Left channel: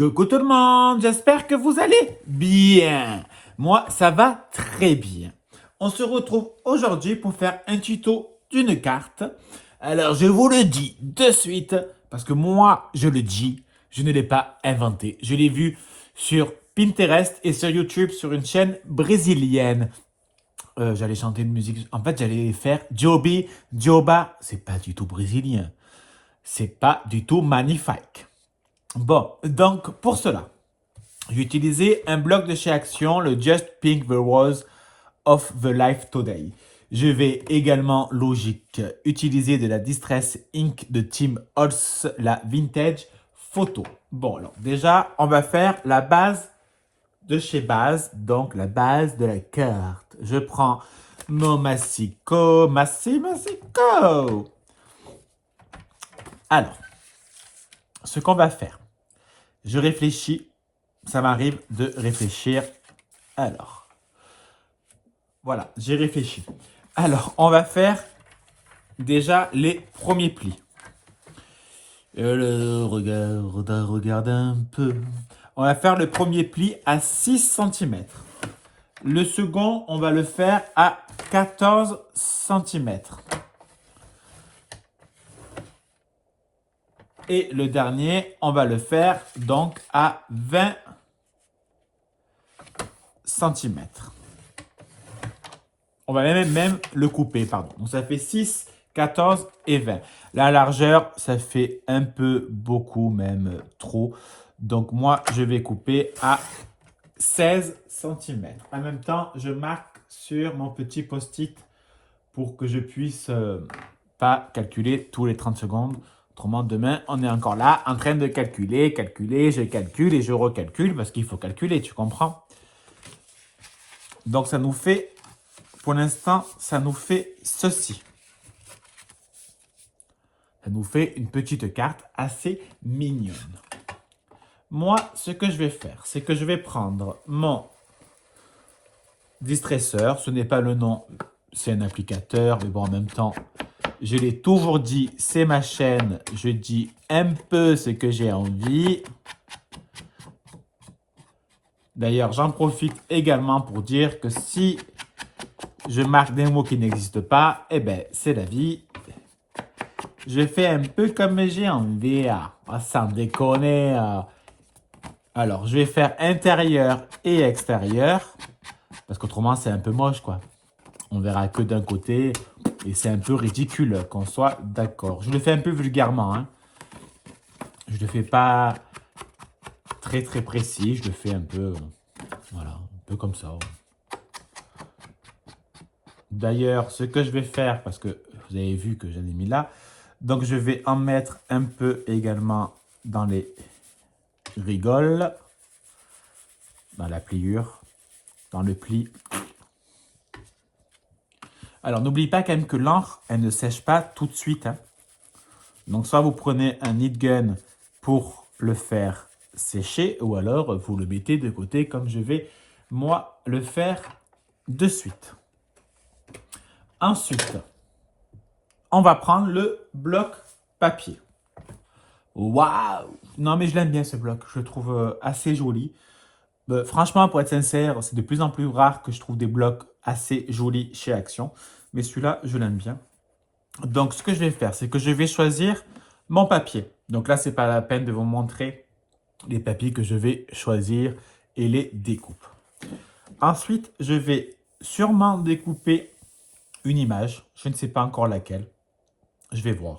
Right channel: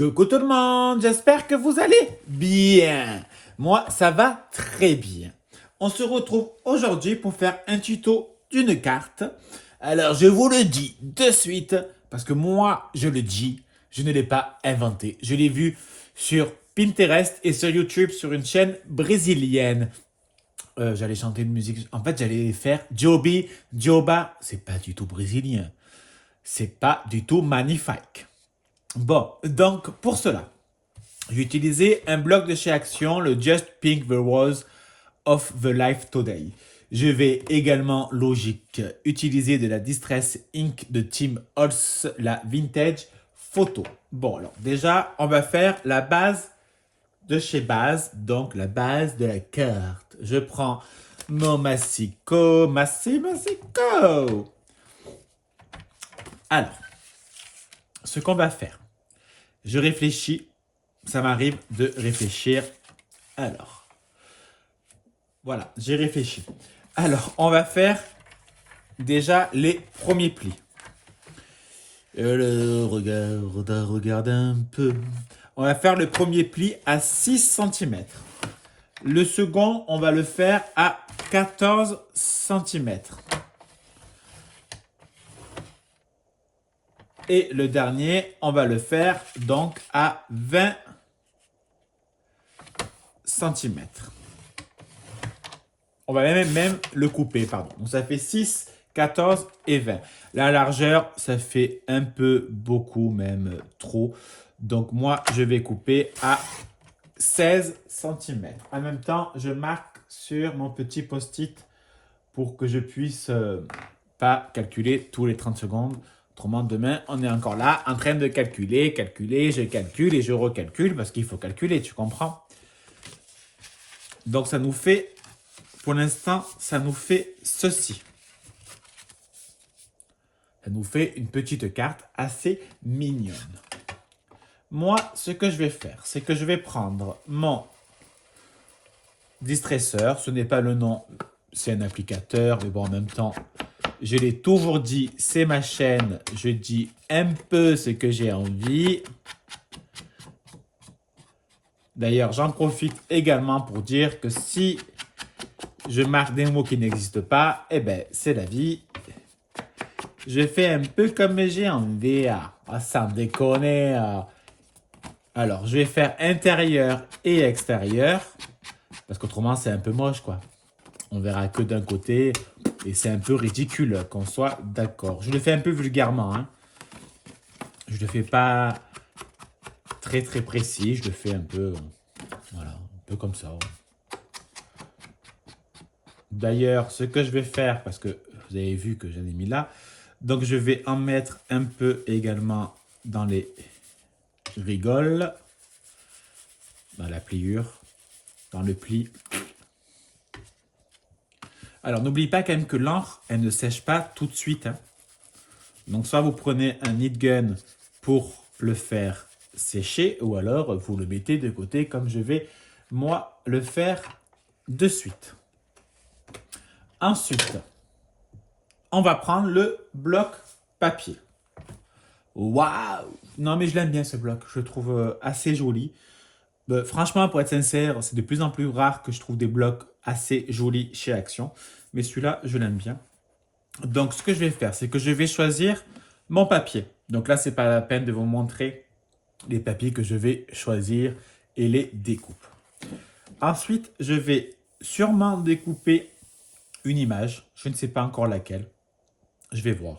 Coucou tout le monde, j'espère que vous allez bien. Moi, ça va très bien. On se retrouve aujourd'hui pour faire un tuto d'une carte. Alors, je vous le dis de suite, parce que moi, je le dis, je ne l'ai pas inventé. Je l'ai vu sur Pinterest et sur YouTube sur une chaîne brésilienne. J'allais chanter une musique, en fait, j'allais faire Joby, Joba. C'est pas du tout brésilien. C'est pas du tout magnifique. Bon, donc pour cela, j'ai utilisé un bloc de chez Action, le Just Pink the Rose of the Life Today. Je vais également, logique, utiliser de la Distress Ink de Team Holtz, la Vintage Photo. Bon, alors déjà, on va faire la base de chez Base, donc la base de la carte. Je prends mon Massico. Alors, ce qu'on va faire, je réfléchis, ça m'arrive de réfléchir. Alors, voilà, j'ai réfléchi. Alors, on va faire déjà les premiers plis. Regarde un peu. On va faire le premier pli à 6 cm. Le second, on va le faire à 14 cm. Et le dernier, on va le faire donc à 20 cm. On va même le couper, pardon. Donc ça fait 6, 14 et 20. La largeur, ça fait un peu beaucoup, même trop. Donc moi, je vais couper à 16 cm. En même temps, je marque sur mon petit post-it pour que je puisse pas calculer tous les 30 secondes. Autrement, demain, on est encore là en train de calculer, je calcule et je recalcule parce qu'il faut calculer, tu comprends? Donc, ça nous fait, pour l'instant, ça nous fait ceci. Ça nous fait une petite carte assez mignonne. Moi, ce que je vais faire, c'est que je vais prendre mon distresseur. Ce n'est pas le nom, c'est un applicateur, mais bon, en même temps, je l'ai toujours dit, c'est ma chaîne. Je dis un peu ce que j'ai envie. D'ailleurs, j'en profite également pour dire que si je marque des mots qui n'existent pas, eh bien, c'est la vie. Je fais un peu comme j'ai envie, sans déconner. Alors, je vais faire intérieur et extérieur, parce qu'autrement, c'est un peu moche, quoi. On verra que d'un côté, et c'est un peu ridicule, qu'on soit d'accord. Je le fais un peu vulgairement, hein. Je ne le fais pas très précis, je le fais un peu, voilà, un peu comme ça. D'ailleurs, ce que je vais faire, parce que vous avez vu que j'en ai mis là, donc je vais en mettre un peu également dans les rigoles, dans la pliure, dans le pli. Alors, n'oublie pas quand même que l'encre, elle ne sèche pas tout de suite, hein. Donc, soit vous prenez un heat gun pour le faire sécher, ou alors vous le mettez de côté comme je vais, moi, le faire de suite. Ensuite, on va prendre le bloc papier. Waouh! Non, mais je l'aime bien ce bloc. Je le trouve assez joli. Franchement, pour être sincère, c'est de plus en plus rare que je trouve des blocs assez jolis chez Action. Mais celui-là, je l'aime bien. Donc, ce que je vais faire, c'est que je vais choisir mon papier. Donc là, c'est pas la peine de vous montrer les papiers que je vais choisir et les découpe. Ensuite, je vais sûrement découper une image. Je ne sais pas encore laquelle. Je vais voir.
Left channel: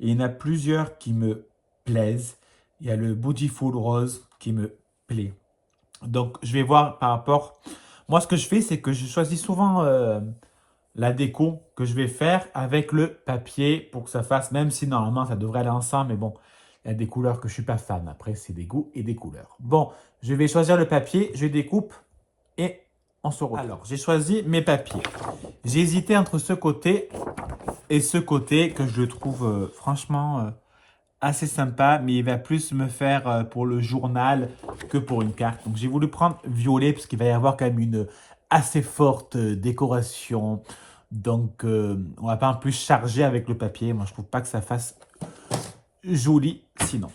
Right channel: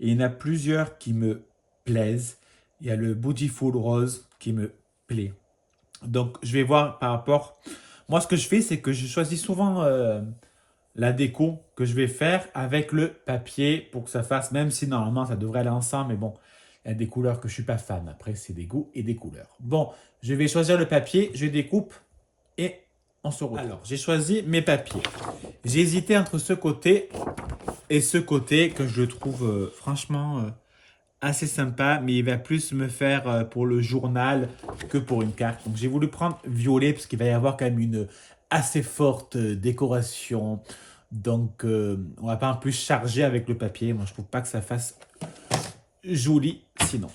Et il y en a plusieurs qui me plaisent. Il y a le Beautiful Rose qui me plaît. Donc, je vais voir par rapport... Moi, ce que je fais, c'est que je choisis souvent la déco que je vais faire avec le papier pour que ça fasse, même si normalement, ça devrait aller ensemble. Mais bon, il y a des couleurs que je ne suis pas fan. Après, c'est des goûts et des couleurs. Bon, je vais choisir le papier, je découpe et on se retrouve. Alors, j'ai choisi mes papiers. J'ai hésité entre ce côté et ce côté que je trouve franchement assez sympa, mais il va plus me faire pour le journal que pour une carte. Donc j'ai voulu prendre violet parce qu'il va y avoir quand même une assez forte décoration. Donc on va pas en plus charger avec le papier. Moi je trouve pas que ça fasse joli sinon.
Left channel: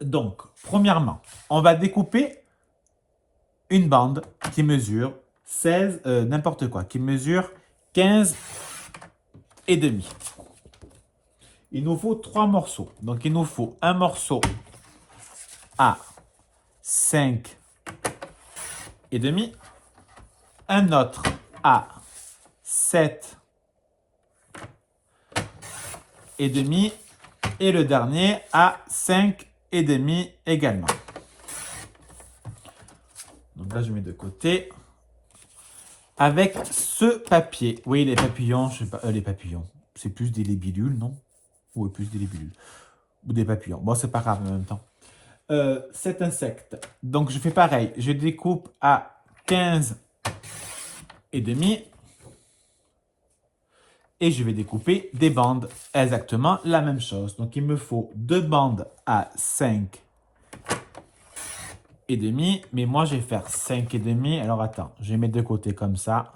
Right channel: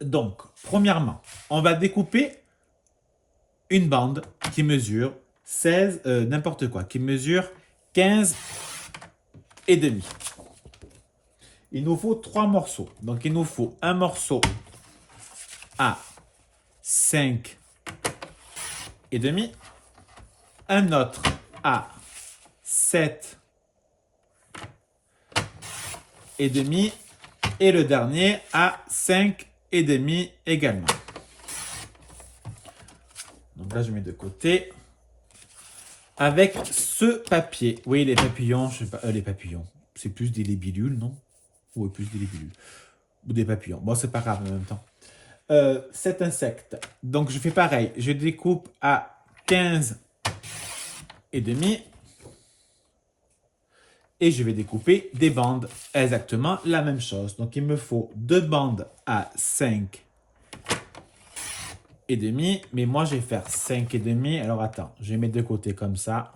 Donc, premièrement, on va découper une bande qui mesure 16, n'importe quoi, qui mesure 15 et demi. Il nous faut 3 morceaux. Donc, il nous faut un morceau à 5 et demi, un autre à 7 et demi et le dernier à 5 et demi également. Donc là, je mets de côté. Avec ce papier, oui, les papillons, je sais pas, les papillons, c'est plus des libellules, non? Ou plus des libellules. Ou des papillons. Bon, c'est pas grave en même temps. Cet insecte. Donc, je fais pareil. Je découpe à 15 et demi. Et je vais découper des bandes. Exactement la même chose. Donc, il me faut 2 bandes à 5 et demi. Mais moi, je vais faire 5 et demi. Alors, attends. Je vais mettre de côté comme ça.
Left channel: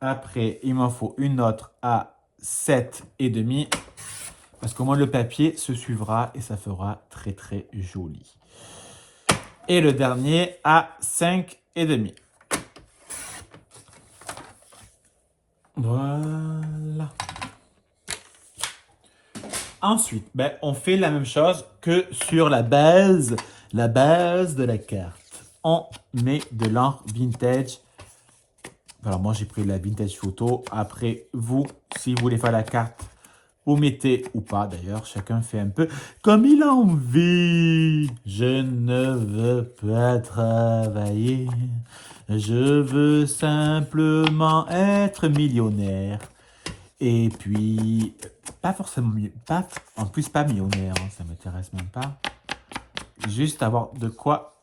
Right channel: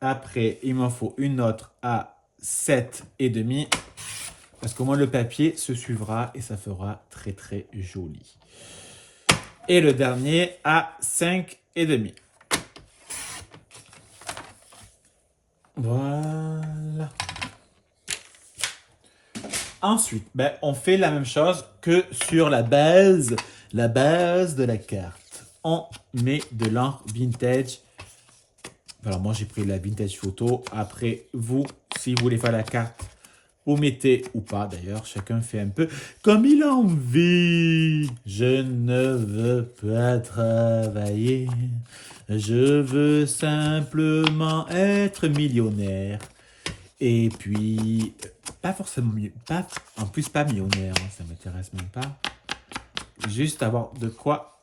Après, il m'en faut une autre à 7 et demi. Parce que moi, le papier se suivra et ça fera très, très joli. Et le dernier à 5 et demi. Voilà. Ensuite, on fait la même chose que sur la base de la carte. On met de l'encre vintage. Alors moi, j'ai pris la vintage photo. Après, vous, si vous voulez faire la carte, vous mettez ou pas d'ailleurs. Chacun fait un peu comme il a envie. Je ne veux pas travailler. Je veux simplement être millionnaire. Et puis, pas forcément, en plus pas millionnaire, hein, ça ne m'intéresse même pas. Juste avoir de quoi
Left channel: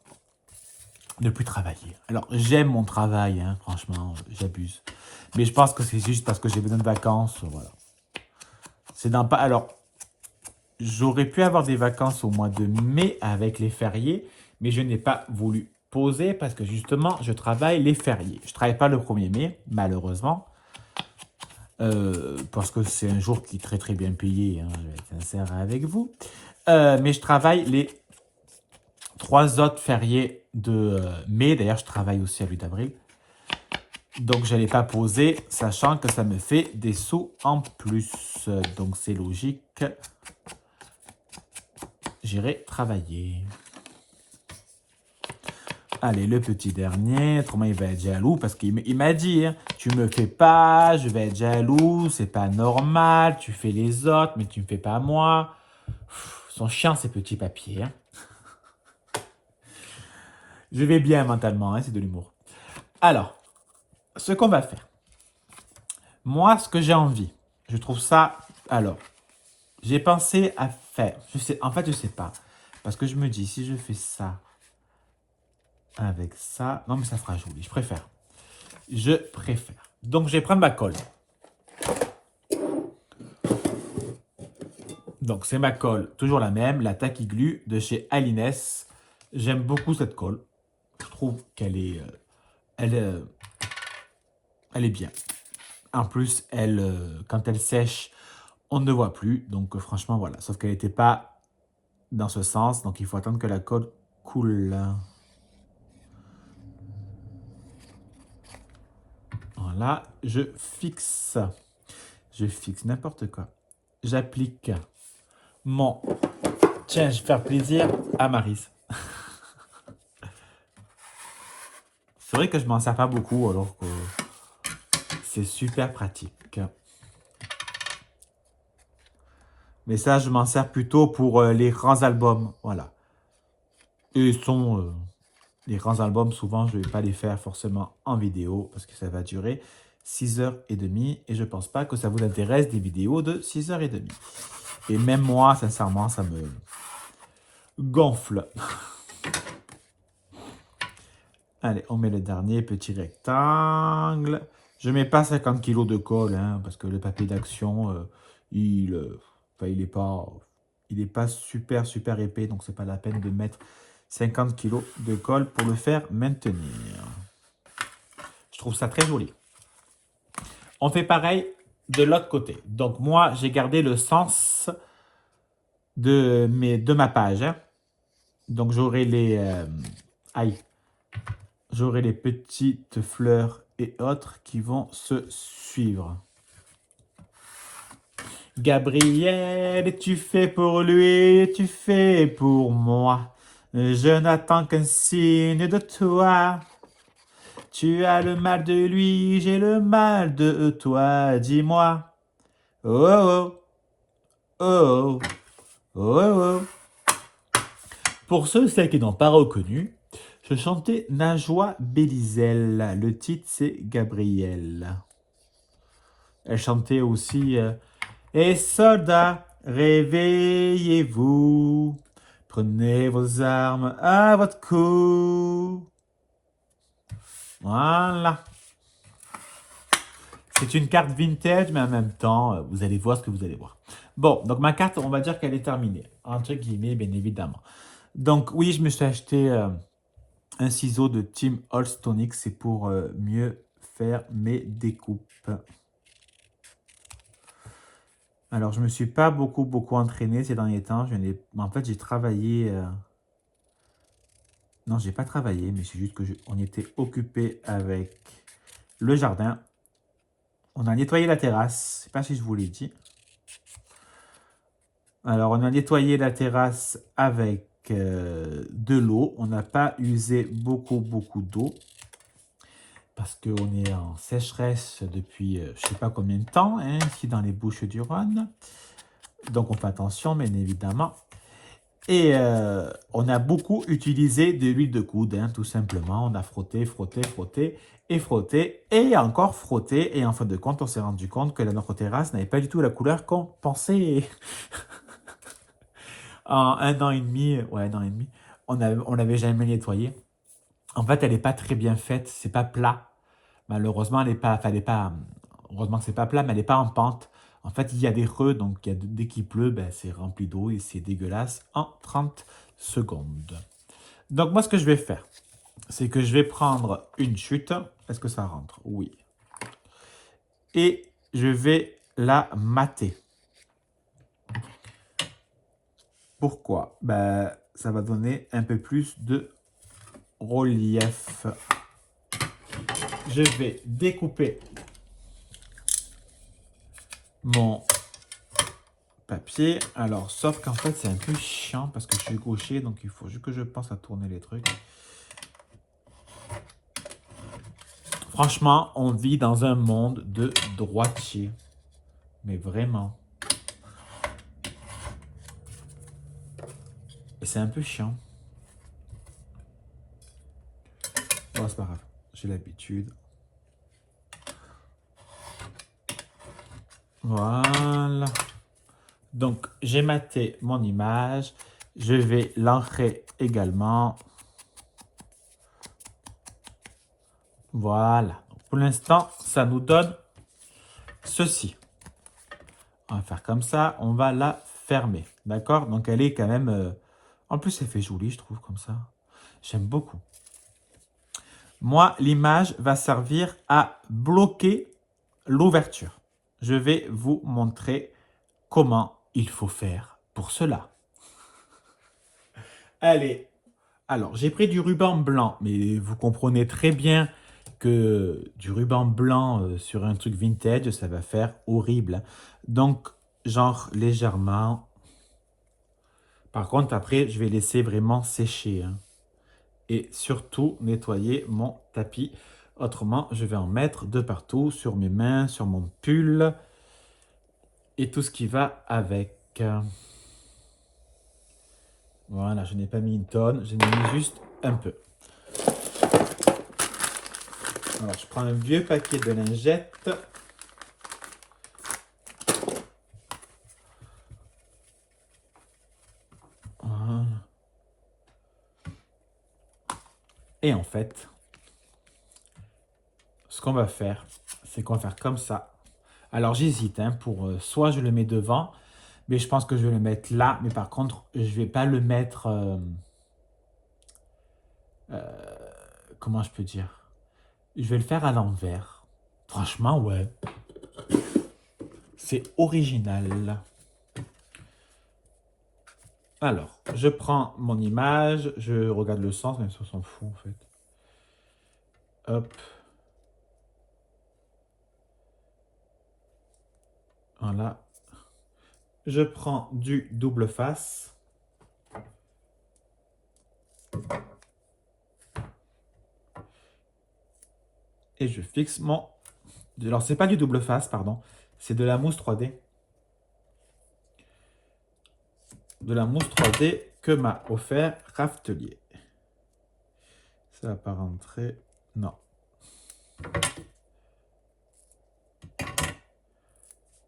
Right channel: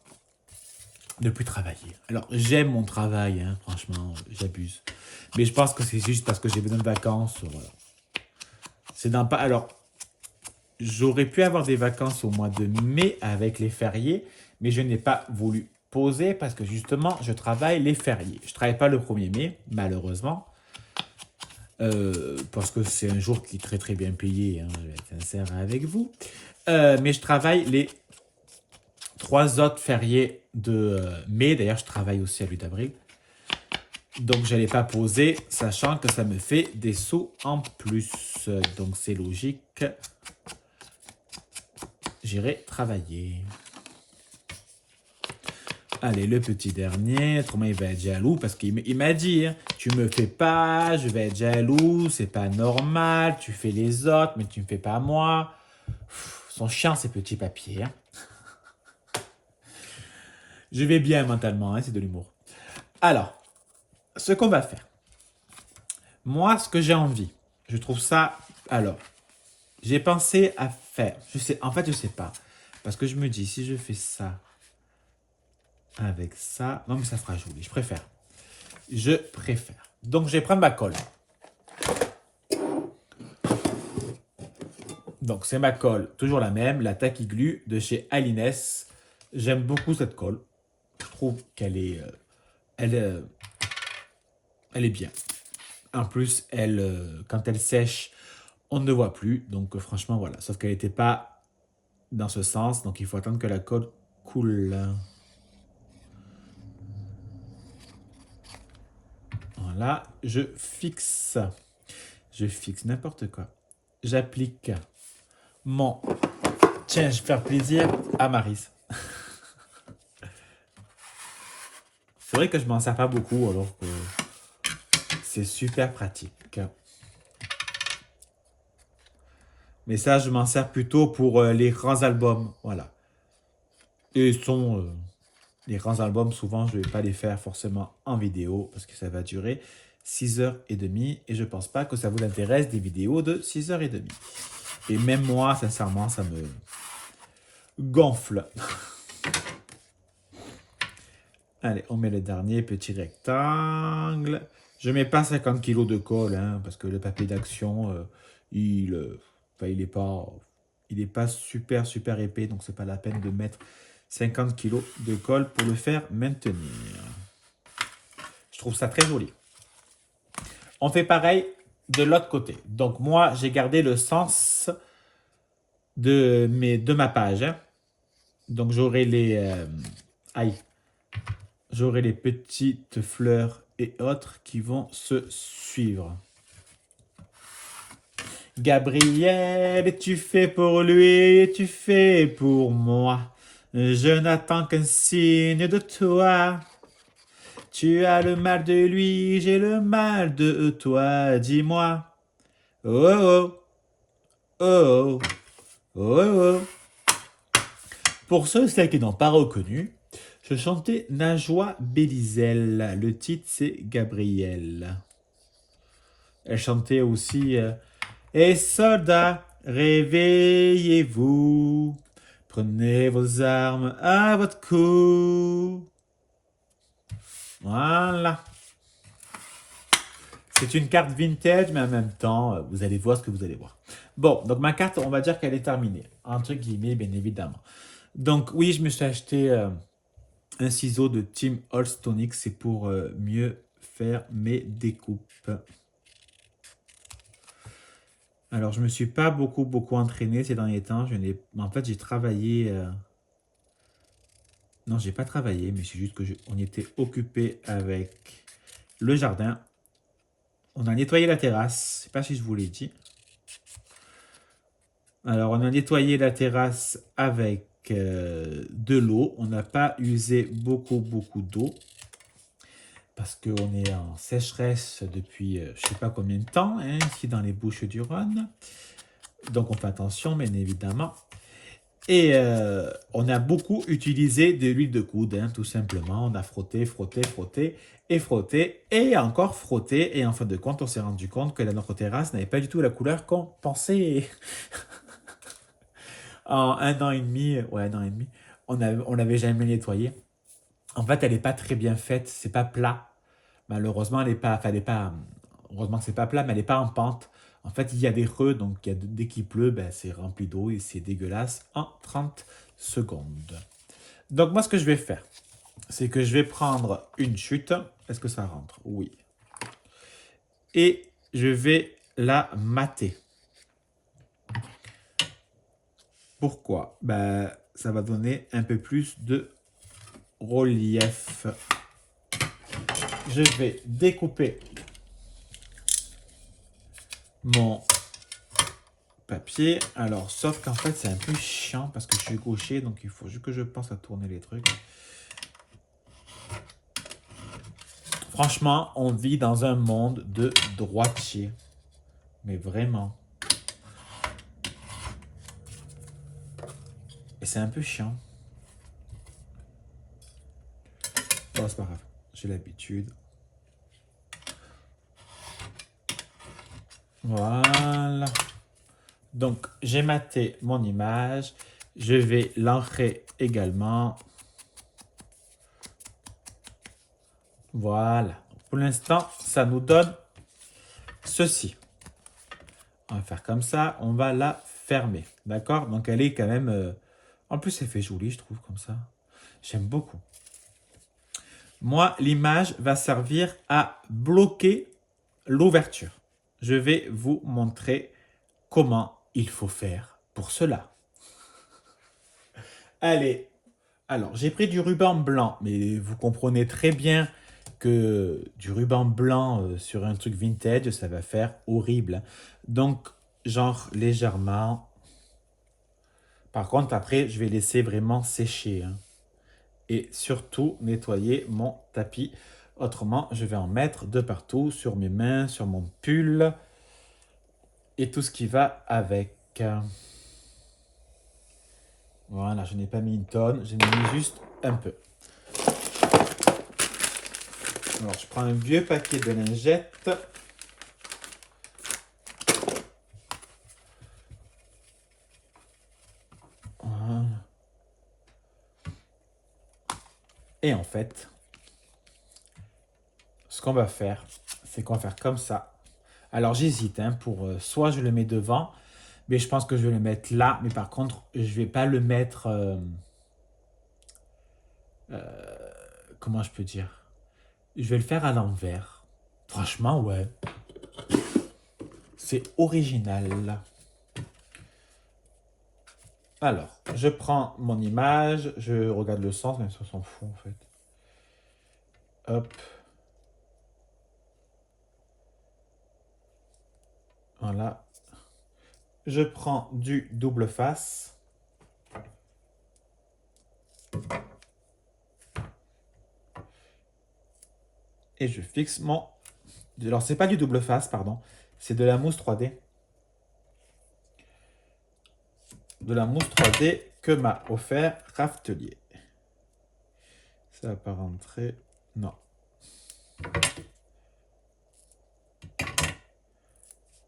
ne plus travailler. Alors, j'aime mon travail, hein, franchement, j'abuse. Mais je pense que c'est juste parce que j'ai besoin de vacances, voilà. C'est dans pas... Alors, j'aurais pu avoir des vacances au mois de mai avec les fériés, mais je n'ai pas voulu poser parce que justement, je travaille les fériés. Je ne travaille pas le 1er mai, malheureusement. Parce que c'est un jour qui est très très bien payé, hein, je vais être sincère avec vous. Mais je travaille les 3 autres fériés de mai. D'ailleurs, je travaille aussi à 8 avril. Donc, je n'allais pas poser, sachant que ça me fait des sous en plus. Donc, c'est logique. J'irai travailler. Allez, le petit dernier. Autrement, il va être jaloux parce qu'il m'a dit, hein, tu me fais pas, je vais être jaloux, c'est pas normal, tu fais les autres, mais tu me fais pas moi. Sont chiants ces petits papiers. Hein. Je vais bien mentalement, hein, c'est de l'humour. Alors, ce qu'on va faire. Moi, ce que j'ai envie, je trouve ça... Alors, j'ai pensé à faire... En fait, je sais pas. Parce que je me dis, si je fais ça avec ça... Non, mais ça fera joli, je préfère. Je préfère. Donc, je vais prendre ma colle. Donc, c'est ma colle, toujours la même, la Tacky Glue de chez Alines. J'aime beaucoup cette colle. Je trouve qu'elle est... elle est bien. En plus, quand elle sèche, on ne voit plus. Donc, franchement, voilà. Sauf qu'elle n'était pas dans ce sens. Donc, il faut attendre que la colle coule. Voilà. Je fixe. Je fixe n'importe quoi. J'applique mon... Tiens, je vais faire plaisir à Maryse. C'est vrai que je m'en sers pas beaucoup alors que c'est super pratique. Mais ça, je m'en sers plutôt pour les grands albums. Voilà. Et les grands albums, souvent, je ne vais pas les faire forcément en vidéo parce que ça va durer 6h30 et je ne pense pas que ça vous intéresse des vidéos de 6h30. Et même moi, sincèrement, ça me gonfle. Allez, on met le dernier petit rectangle. Je ne mets pas 50 kg de colle, hein, parce que le papier d'action, il n'est pas super, super épais. Donc, ce n'est pas la peine de mettre 50 kg de colle pour le faire maintenir. Je trouve ça très joli. On fait pareil de l'autre côté. Donc, moi, j'ai gardé le sens de ma page. Hein. Donc, j'aurai j'aurai les petites fleurs et autres qui vont se suivre. Gabriel, tu fais pour lui, tu fais pour moi. Je n'attends qu'un signe de toi. Tu as le mal de lui, j'ai le mal de toi. Dis-moi. Oh oh, oh oh, oh oh. Pour ceux et celles qui n'ont pas reconnu, je chantais Najwa Bélizel. Le titre, c'est Gabriel. Elle chantait aussi Et soldats, réveillez-vous. Prenez vos armes à votre cou. Voilà. C'est une carte vintage, mais en même temps, vous allez voir ce que vous allez voir. Bon, donc ma carte, on va dire qu'elle est terminée. Entre guillemets, bien évidemment. Donc oui, je me suis acheté un ciseau de Tim Holtz-Tonic. C'est pour mieux faire mes découpes. Alors, je me suis pas beaucoup entraîné ces derniers temps. En fait, j'ai travaillé... Non, j'ai pas travaillé, mais c'est juste que on était occupé avec le jardin. On a nettoyé la terrasse. Je sais pas si je vous l'ai dit. Alors, on a nettoyé la terrasse avec de l'eau. On n'a pas usé beaucoup d'eau. Parce qu'on est en sécheresse depuis je sais pas combien de temps, hein, ici dans les Bouches-du-Rhône. Donc, on fait attention, bien évidemment. Et on a beaucoup utilisé de l'huile de coude, hein, tout simplement. On a frotté, et encore frotté. Et en fin de compte, on s'est rendu compte que notre terrasse n'avait pas du tout la couleur qu'on pensait. En un an et demi, on n'avait jamais nettoyé. En fait, elle n'est pas très bien faite, c'est pas plat. Malheureusement, heureusement que c'est pas plat, mais elle n'est pas en pente. En fait, il y a des creux, donc dès qu'il pleut, ben, c'est rempli d'eau et c'est dégueulasse en 30 secondes. Donc moi, ce que je vais faire, c'est que je vais prendre une chute. Est-ce que ça rentre? Oui. Et je vais la mater. Pourquoi? Ben, ça va donner un peu plus de relief. Je vais découper mon papier. Alors, sauf qu'en fait, c'est un peu chiant parce que je suis gaucher, donc il faut juste que je pense à tourner les trucs. Franchement, on vit dans un monde de droitier. Mais vraiment. Et c'est un peu chiant. Bon, c'est pas grave. J'ai l'habitude. Voilà. Donc, j'ai maté mon image. Je vais l'ancrer également. Voilà. Pour l'instant, ça nous donne ceci. On va faire comme ça. On va la fermer. D'accord? Donc, elle est quand même... En plus, elle fait joli, je trouve, comme ça. J'aime beaucoup. Moi, l'image va servir à bloquer l'ouverture. Je vais vous montrer comment il faut faire pour cela. Allez, alors j'ai pris du ruban blanc, mais vous comprenez très bien que du ruban blanc sur un truc vintage, ça va faire horrible. Donc, genre légèrement. Par contre, après, je vais laisser vraiment sécher. Hein. Et surtout, nettoyer mon tapis. Autrement, je vais en mettre de partout, sur mes mains, sur mon pull et tout ce qui va avec. Voilà, je n'ai pas mis une tonne, j'ai mis juste un peu. Alors, je prends un vieux papier de lingette. Voilà. Et en fait, ce qu'on va faire, c'est qu'on va faire comme ça. Alors, j'hésite, hein, pour soit je le mets devant, mais je pense que je vais le mettre là. Mais par contre, je ne vais pas le mettre... comment je peux dire? Je vais le faire à l'envers. Franchement, ouais. C'est original. Alors, je prends mon image, je regarde le sens, même si on s'en fout en fait. Hop. Voilà. Je prends du double face. Et je fixe mon... Alors, c'est pas du double face, pardon. C'est de la mousse 3D. De la mousse 3D que m'a offert Raftelier. Ça va pas rentrer. Non.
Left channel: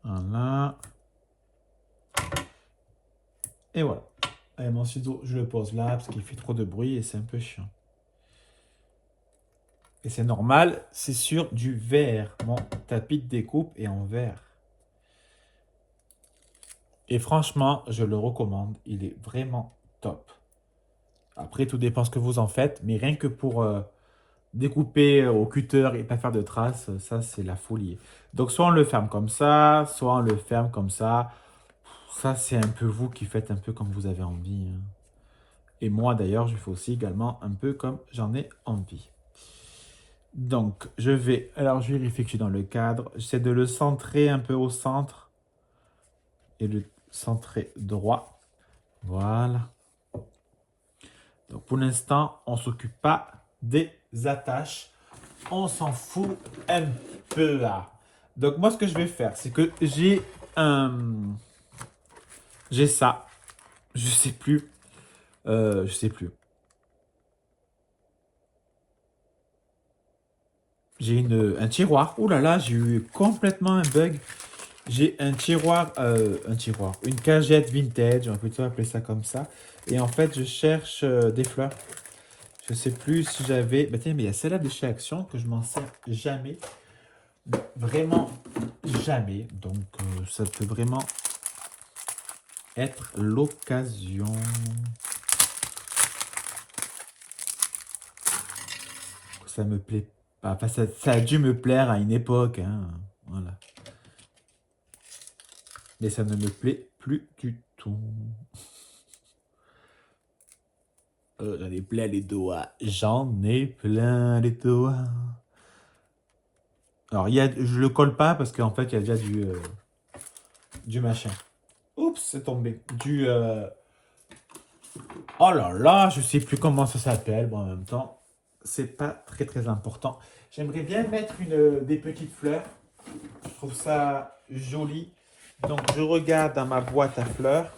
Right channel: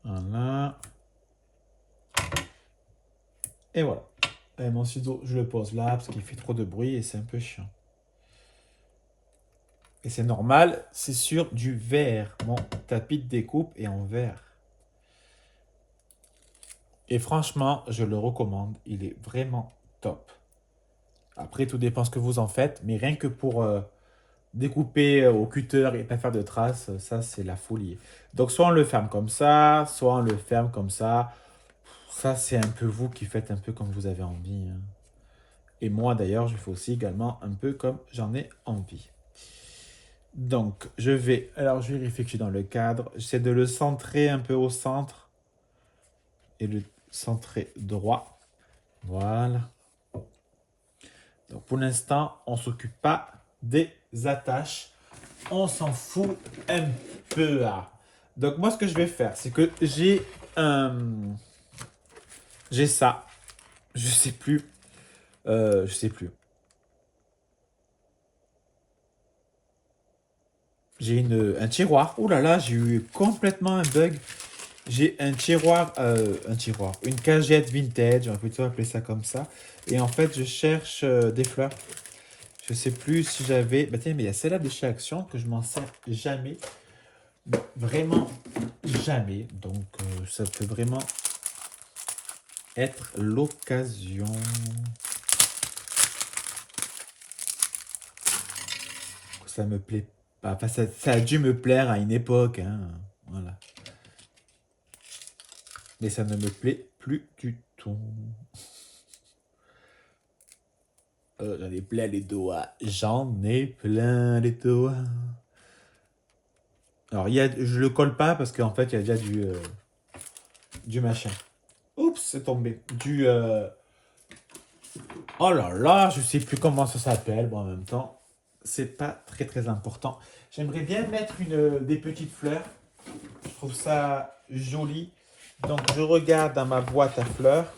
Voilà. Et voilà. Et mon ciseau, je le pose là parce qu'il fait trop de bruit et c'est un peu chiant. Et c'est normal, c'est sur du verre. Mon tapis de découpe est en verre. Et franchement, je le recommande. Il est vraiment top. Après, tout dépend ce que vous en faites. Mais rien que pour découper au cutter et pas faire de traces, ça, c'est la folie. Donc, soit on le ferme comme ça, soit on le ferme comme ça. Ça, c'est un peu vous qui faites un peu comme vous avez envie, hein. Et moi, d'ailleurs, je fais aussi également un peu comme j'en ai envie. Donc, je vais... Alors, je vérifie que je suis dans le cadre. J'essaie de le centrer un peu au centre. Et le centrer droit. Voilà. Donc, pour l'instant, on ne s'occupe pas des attaches. On s'en fout un peu là. Donc, moi, ce que je vais faire, c'est que j'ai un... J'ai ça. Je sais plus. Je sais plus. J'ai un tiroir. Ouh là là, j'ai eu complètement un bug. J'ai un tiroir, une cagette vintage, on va plutôt appeler ça comme ça. Et en fait, je cherche des fleurs. Je sais plus si j'avais... Bah tiens, mais il y a celle-là de chez Action que je m'en sers jamais. Vraiment jamais. Donc, ça peut vraiment être l'occasion. Ça me plaît pas. Enfin, ça a dû me plaire à une époque, hein. Voilà. Mais ça ne me plaît plus du tout. J'en ai plein les doigts. J'en ai plein les doigts. Alors, je le colle pas parce qu'en fait, il y a déjà du machin. Oups, c'est tombé. Oh là là, je sais plus comment ça s'appelle. Bon, en même temps, c'est pas très très important. J'aimerais bien mettre des petites fleurs. Je trouve ça joli. Donc, je regarde dans ma boîte à fleurs.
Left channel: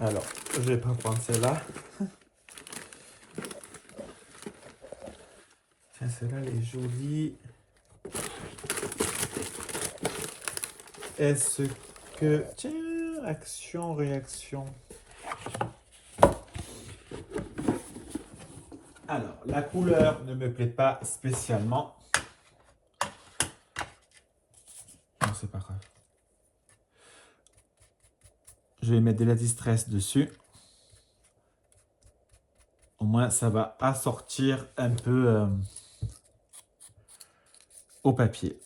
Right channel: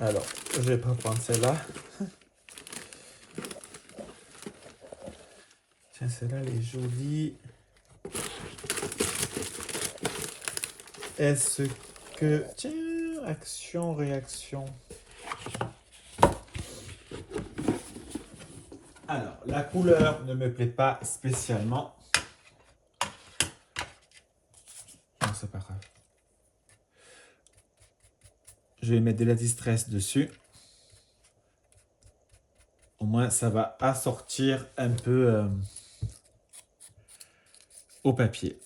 Alors, je vais pas prendre celle-là. Tiens, celle-là, elle est jolie. Est-ce que... Tiens, action, réaction. Alors, la couleur ne me plaît pas spécialement. Non, c'est pas grave. Je vais mettre de la distress dessus. Au moins, ça va assortir un peu au papier.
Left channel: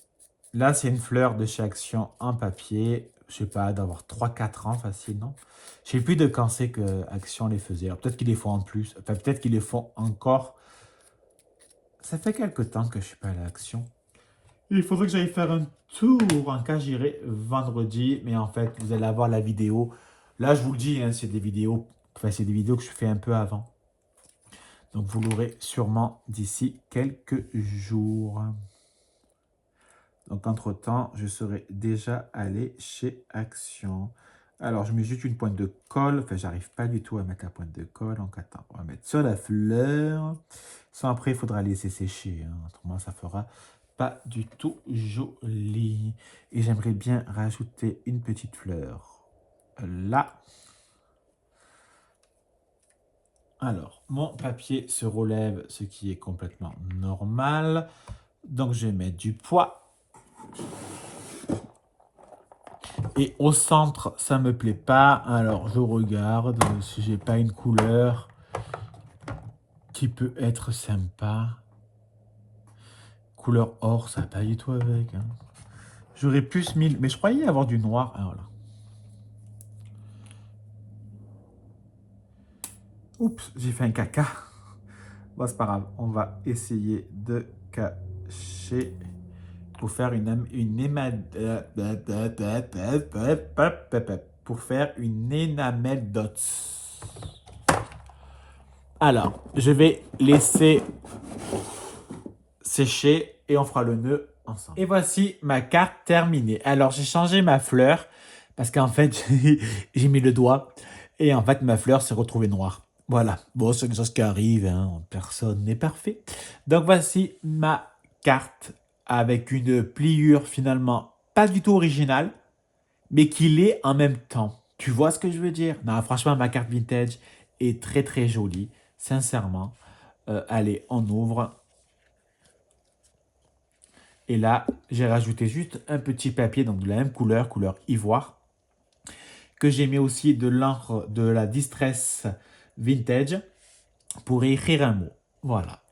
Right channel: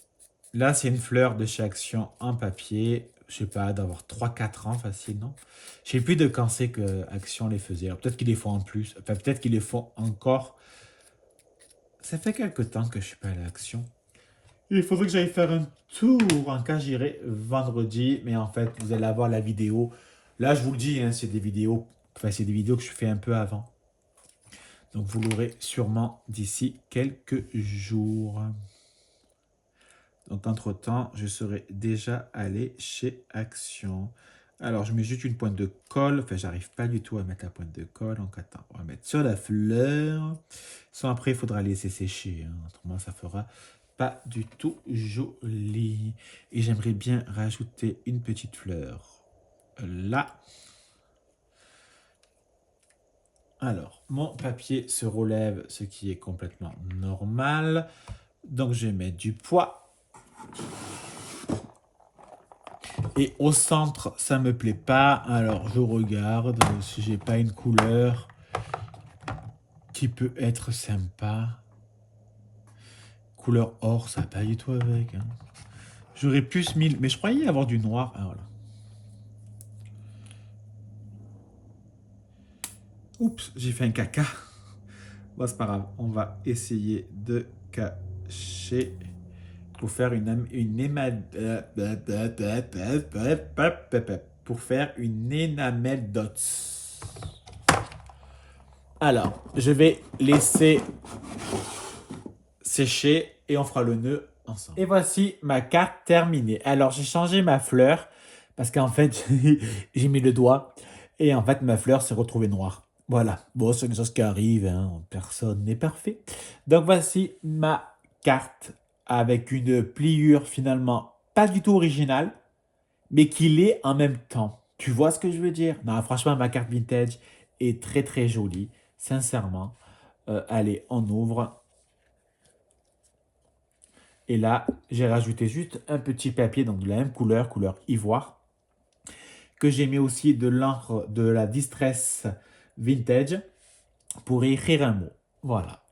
Là, c'est une fleur de chez Action en papier. Je sais pas, d'avoir 3-4 ans facile, non? Je sais plus de quand c'est que Action les faisait. Peut-être qu'ils les font en plus. Enfin, peut-être qu'ils les font encore. Ça fait quelque temps que je suis pas allé à Action. Il faudrait que j'aille faire un tour. En cas, j'irai vendredi. Mais en fait, vous allez avoir la vidéo. Là, je vous le dis, hein, c'est des vidéos. Enfin, c'est des vidéos que je fais un peu avant. Donc, vous l'aurez sûrement d'ici quelques jours. Donc, entre-temps, je serai déjà allé chez Action. Alors, je mets juste une pointe de colle. Enfin, j'arrive pas du tout à mettre la pointe de colle. Donc, attends, on va mettre sur la fleur. Sans après, il faudra laisser sécher, hein. Autrement, ça fera pas du tout joli. Et j'aimerais bien rajouter une petite fleur là. Alors, mon papier se relève, ce qui est complètement normal. Donc, je vais mettre du poids. Et au centre, ça me plaît pas. Alors, je regarde si j'ai pas une couleur qui peut être sympa. Couleur or, ça va pas du tout avec, hein. J'aurais plus mis... Mais je croyais avoir du noir. Ah, voilà. Oups, j'ai fait un caca. Bon, c'est pas grave. On va essayer de cacher pour faire pour faire une enamel dots. Alors, je vais laisser sécher et on fera le nœud ensemble. Et voici ma carte terminée. Alors, j'ai changé ma fleur parce qu'en fait, j'ai mis le doigt et en fait, ma fleur s'est retrouvée noire. Voilà. Bon, c'est quelque chose qui arrive, hein. Personne n'est parfait. Donc, voici ma carte avec une pliure finalement pas du tout originale, mais qui l'est en même temps. Tu vois ce que je veux dire? Non, franchement, ma carte vintage est très très jolie, sincèrement. Allez, on ouvre. Et là, j'ai rajouté juste un petit papier, donc de la même couleur, couleur ivoire, que j'ai mis aussi de l'encre de la Distress Vintage pour écrire un mot. Voilà.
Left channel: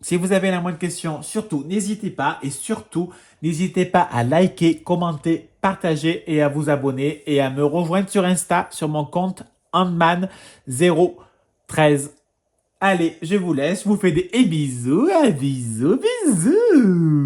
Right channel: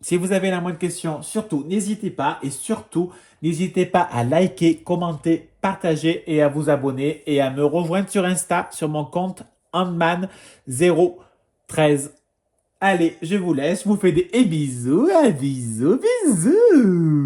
Si vous avez la moindre question, surtout, n'hésitez pas. Et surtout, n'hésitez pas à liker, commenter, partager et à vous abonner et à me rejoindre sur Insta, sur mon compte Handman013. Allez, je vous laisse, je vous fais des bisous, bisous, bisous.